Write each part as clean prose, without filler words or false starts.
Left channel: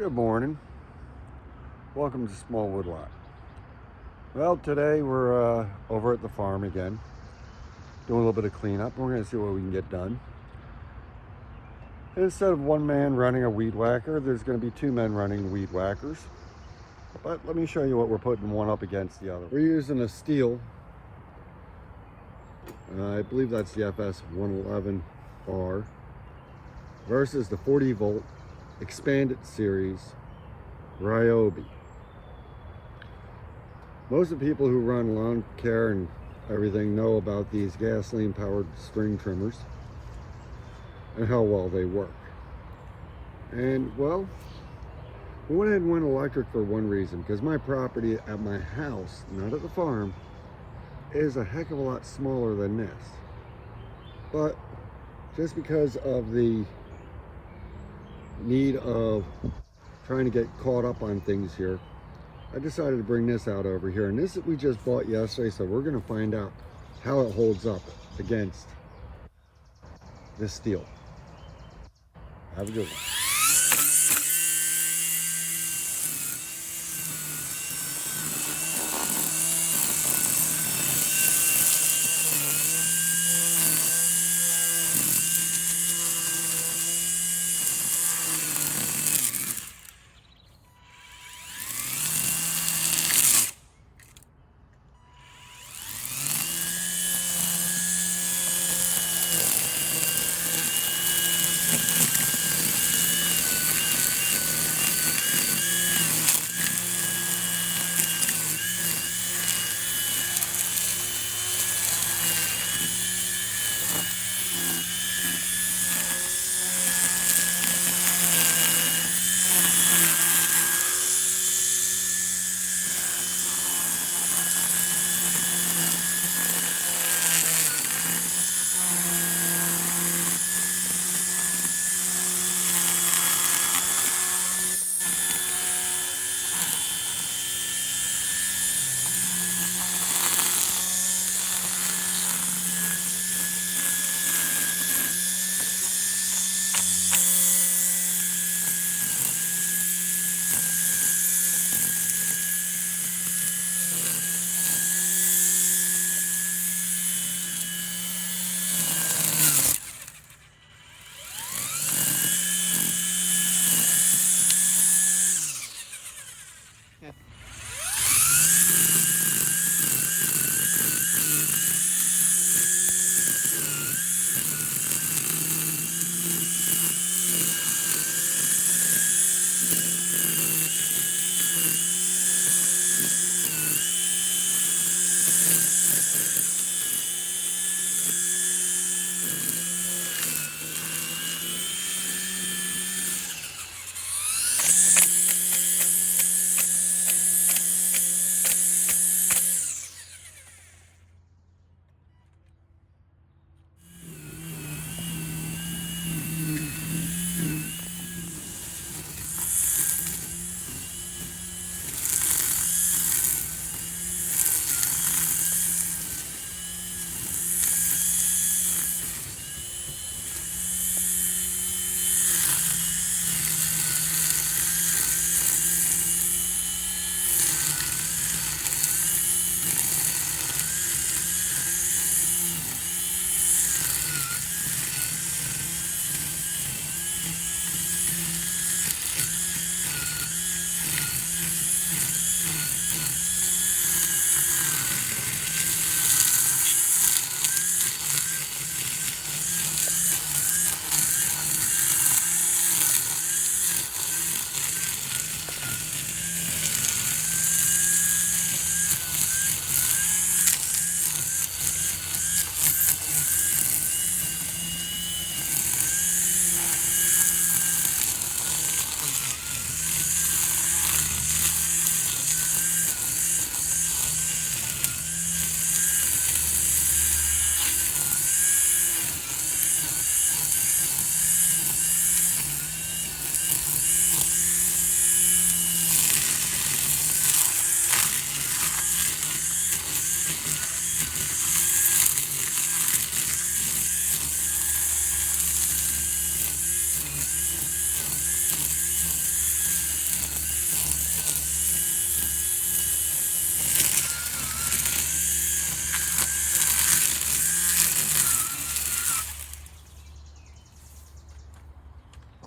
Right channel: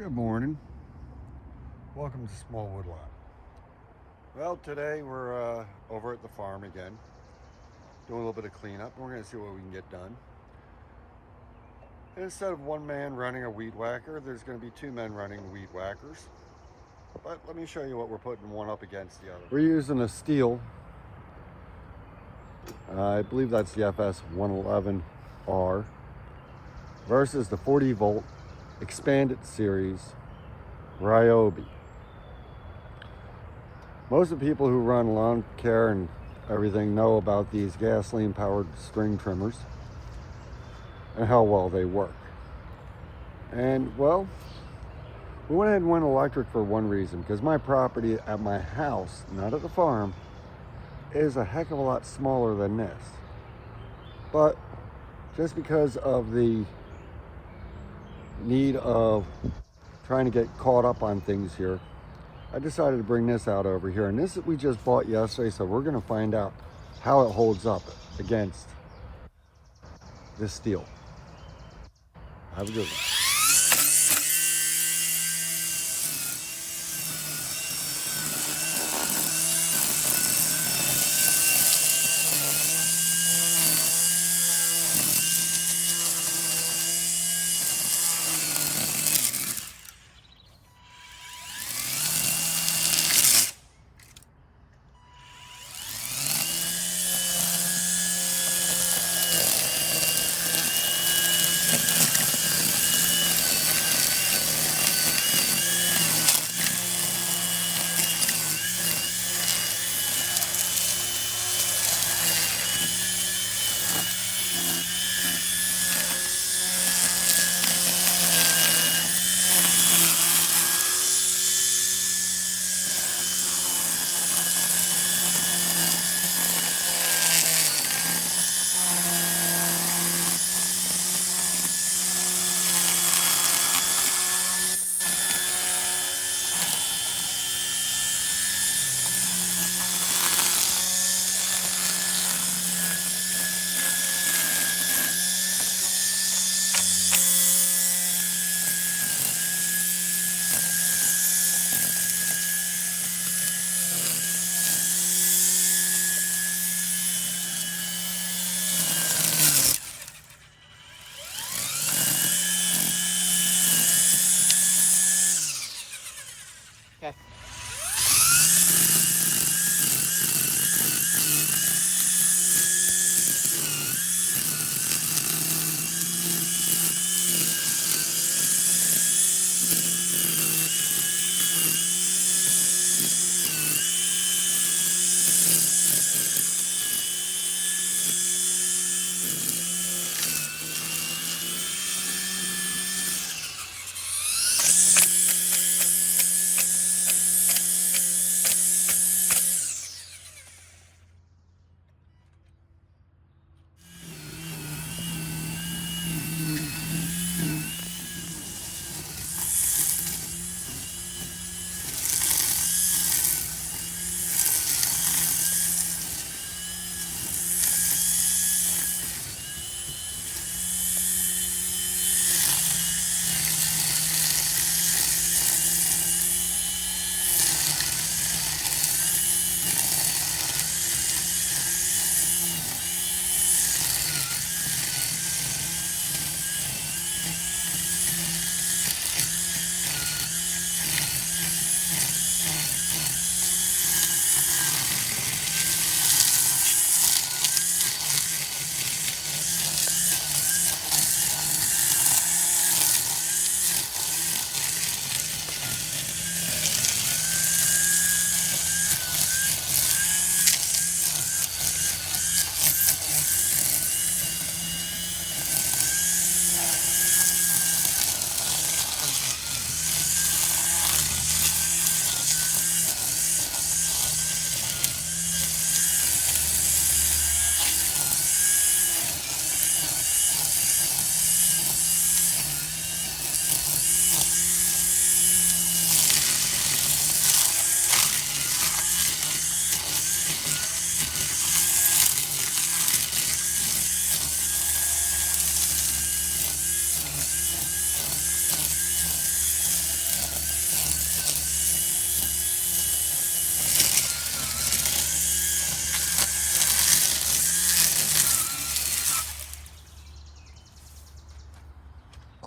Good morning. Welcome to Small Woodlot. Well, today we're over at the farm again, doing a little bit of cleanup. We're going to see what we can get done. Instead of one man running a weed whacker, there's going to be two men running weed whackers. But let me show you what we're putting one up against the other. We're using a steel. I believe that's the FS 111R versus the 40 volt expanded series Ryobi. Most of the people who run lawn care and everything know about these gasoline powered string trimmers and how well they work. And well, we went ahead and went electric for one reason, because my property at my house, not at the farm, is a heck of a lot smaller than this. But just because of the need of trying to get caught up on things here, I decided to bring this out over here. And this we just bought yesterday, so we're going to find out how it holds up against this steel. Have a good one.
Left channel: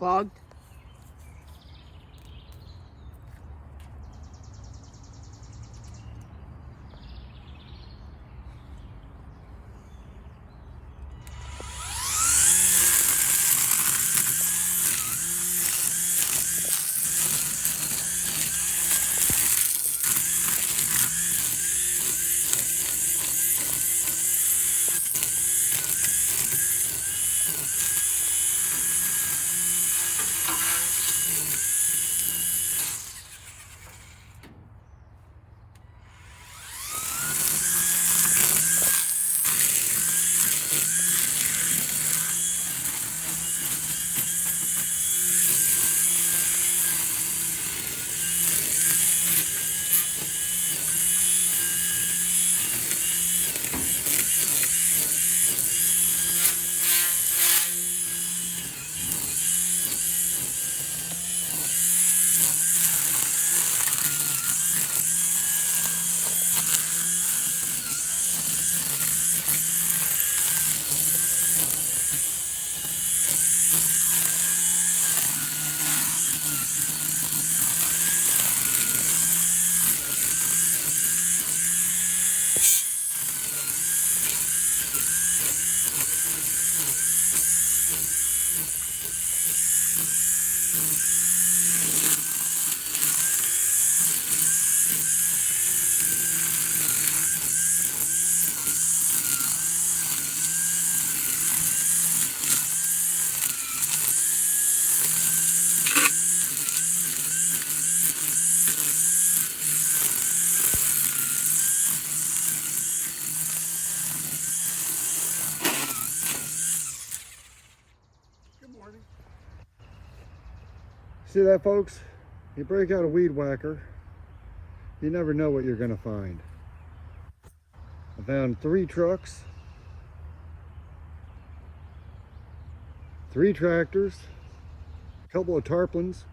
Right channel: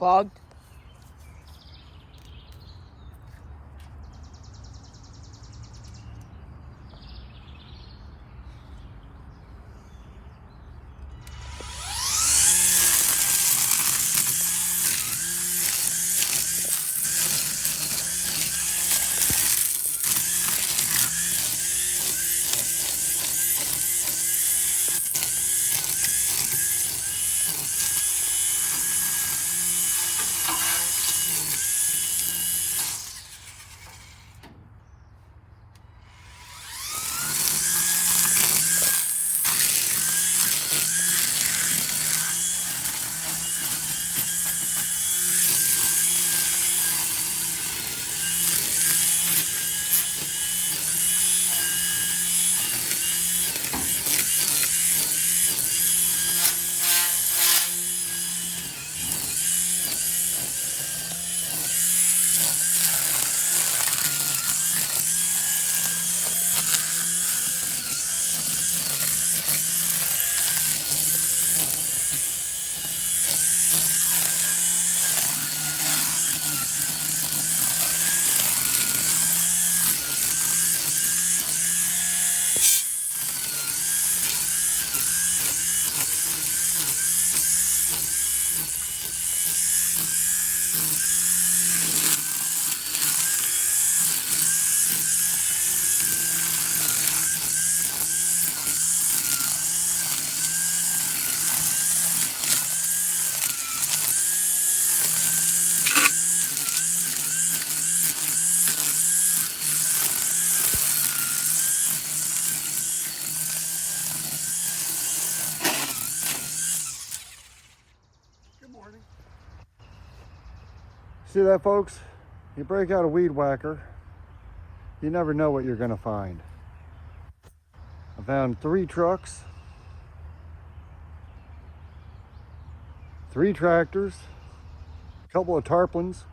clogged. See that, folks? You break out a weed whacker, you never know what you're going to find. I found 3 trucks, 3 tractors, a couple of tarpaulins,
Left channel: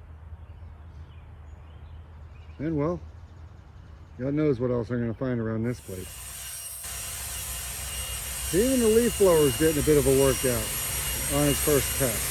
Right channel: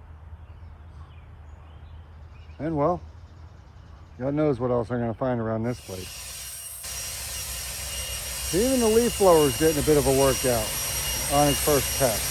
and well, God knows what else I'm going to find around this place. Even the leaf blower is getting a bit of a workout on its first test.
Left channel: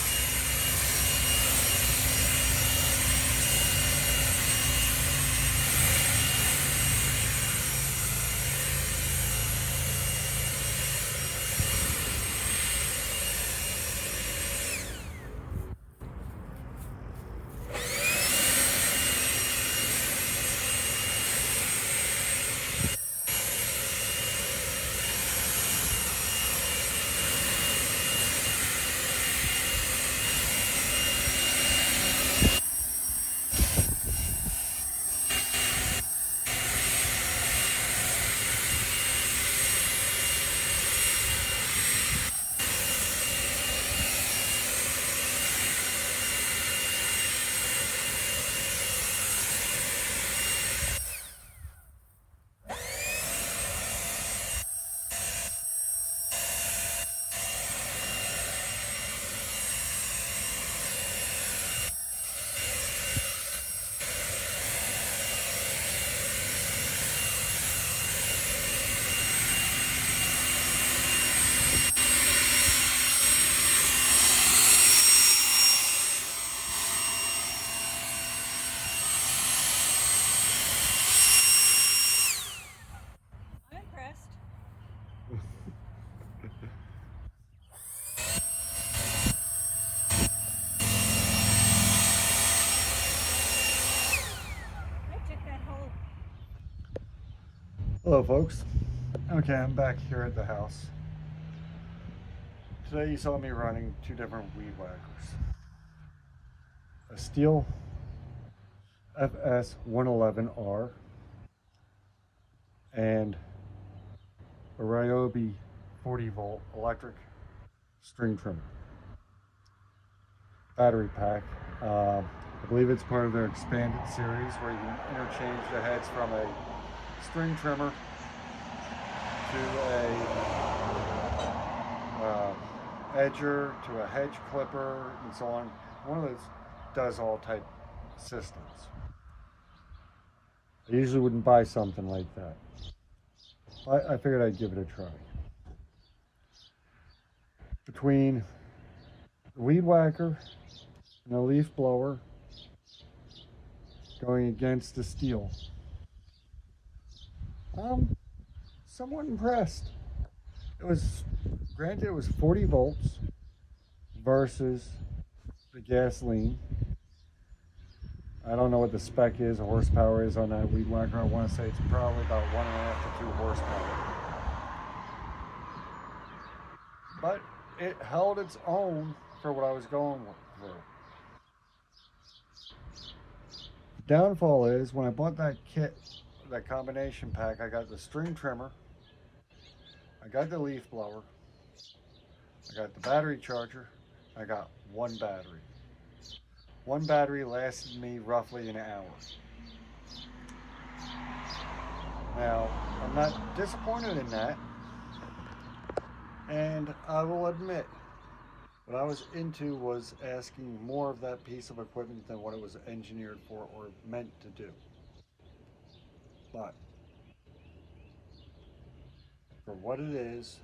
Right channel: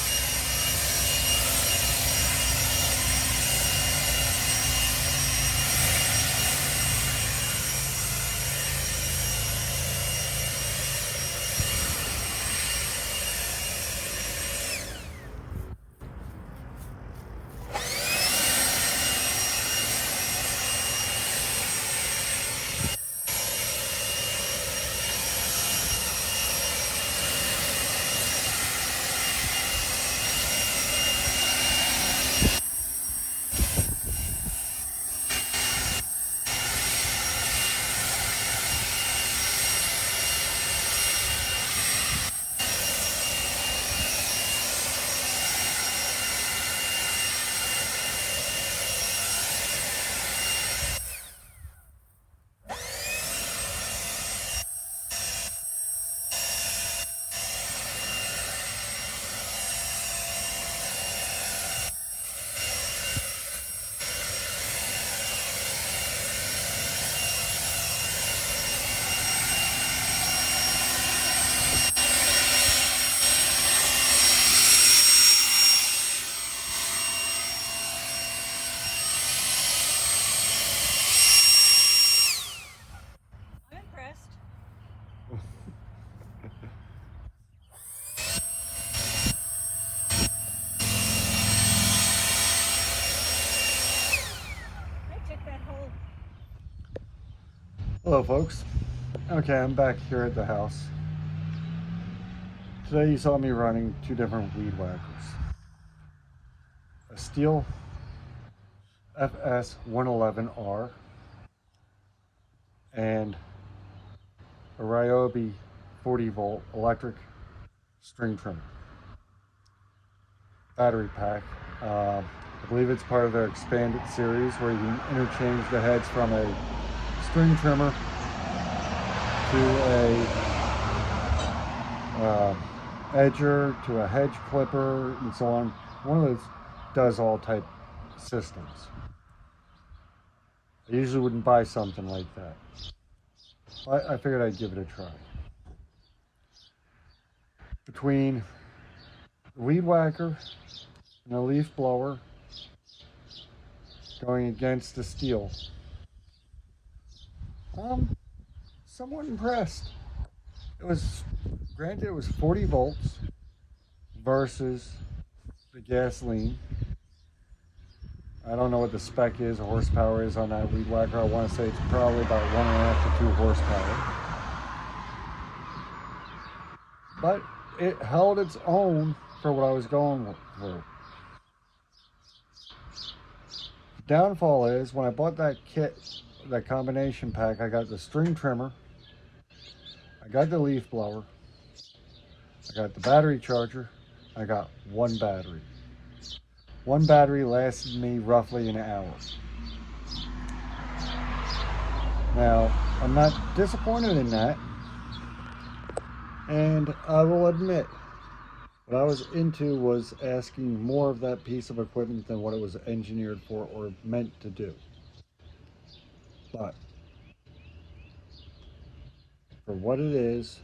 Hello, folks. Okay, I'm back here at the house. Today you saw me running 2 different weed whackers. A Steel FS111R and a Ryobi 40-volt electric string trimmer. Battery pack. I believe it's part of their expanded series where you can interchange the heads from a string trimmer to a edger to a hedge clipper and so on. One of those does all type systems. I usually wouldn't buy something like that. I figured I'd give it a try. Between the weed whacker and a leaf blower going against the steel. I'm somewhat impressed. It was, granted, it was 40 volts versus the gasoline. I don't know what the spec is, or horsepower is on that weed whacker. I want to say it's probably about 1.5 to 2 horsepower. But it held its own for what I was going through. The downfall is when I bought that kit, that combination pack, I got the string trimmer, I got the leaf blower, I got the battery charger, I got one battery. One battery lasted me roughly an hour. Now, I'm not disappointed in that, and I will admit, what I was into was asking more of that piece of equipment than what it was engineered for or meant to do. But for what it is,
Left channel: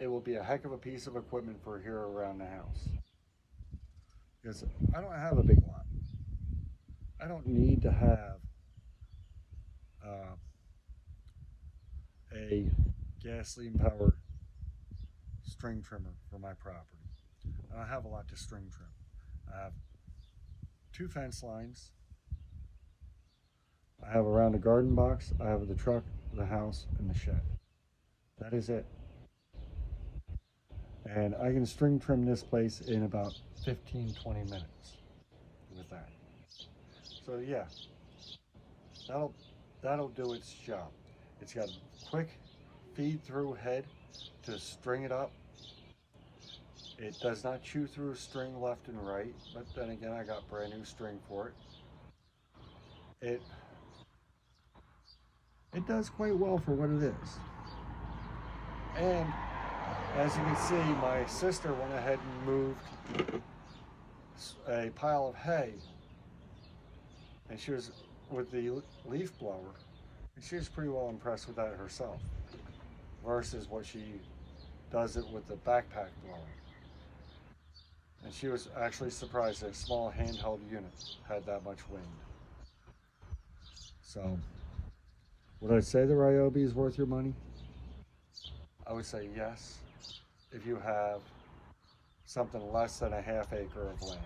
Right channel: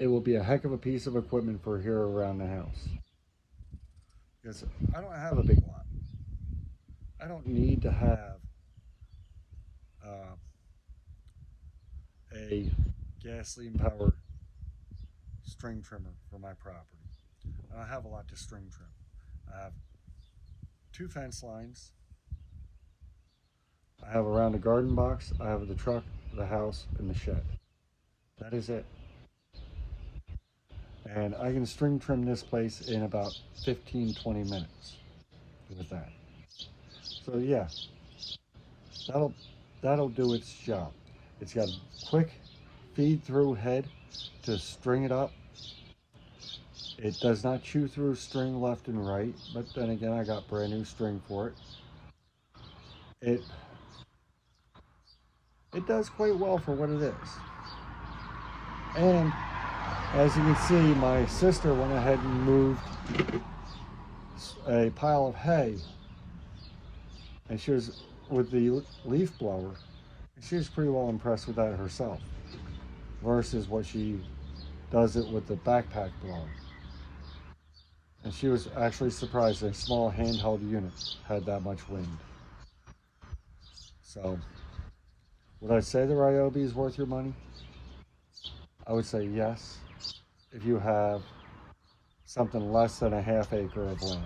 it will be a heck of a piece of equipment for here around the house. Because I don't have a big lot. I don't need to have uh, a gasoline powered string trimmer for my property. I don't have a lot to string trim. I have 2 fence lines. I have around a garden box. I have the truck, the house, and the shed. That is it. And I can string trim this place in about 15-20 minutes with that. So yeah, that'll do its job. It's got a quick feed through head to string it up. It does not chew through string left and right, but then again, I got brand new string for it. It does quite well for what it is. And as you can see, my sister went ahead and moved a pile of hay, and she was with the leaf blower, and she was pretty well impressed with that herself, versus what she does it with the backpack blower. And she was actually surprised that a small handheld unit had that much wind. So, would I say the Ryobi is worth your money? I would say yes, if you have something less than a half acre of land.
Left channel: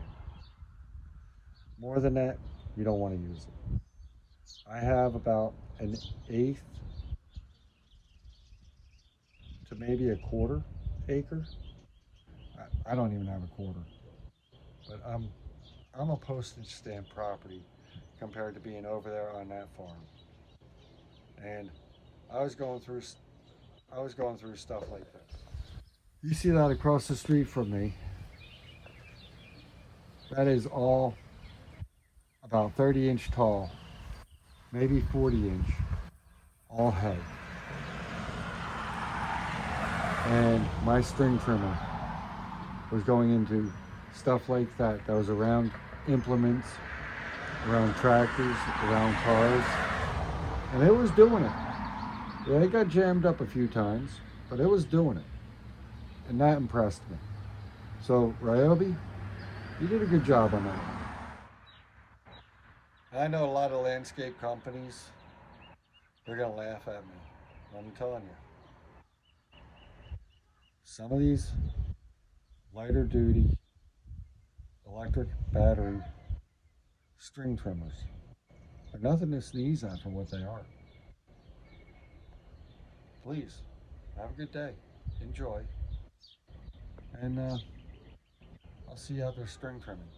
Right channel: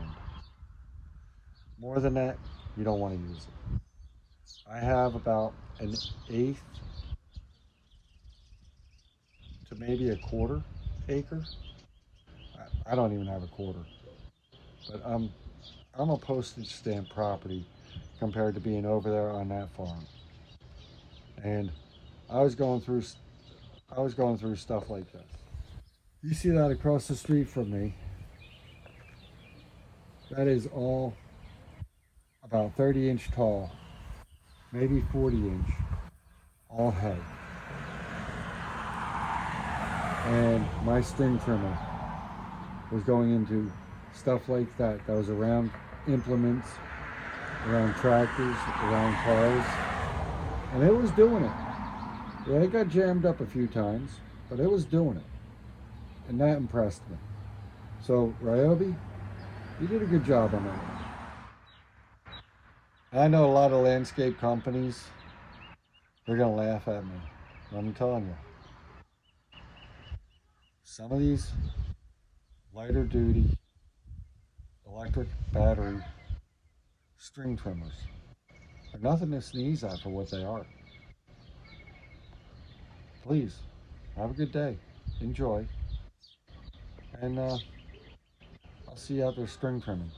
More than that, you don't want to use it. I have about an eighth to maybe a quarter acre. I don't even have a quarter, but I'm a postage stamp property compared to being over there on that farm. And I was going through stuff like this. You see that across the street from me? That is all about 30-inch tall, maybe 40-inch, all hay. And my string trimmer was going into stuff like that. That was around implements, around tractors, around cars, and it was doing it. Yeah, it got jammed up a few times, but it was doing it, and that impressed me. So Ryobi, you did a good job on that one. I know a lot of landscape companies, they're gonna laugh at me. I'm telling you, some of these lighter duty electric battery string trimmers are nothing to sneeze at for what they are. Please, have a good day. Enjoy. And I'll see you out there string trimming.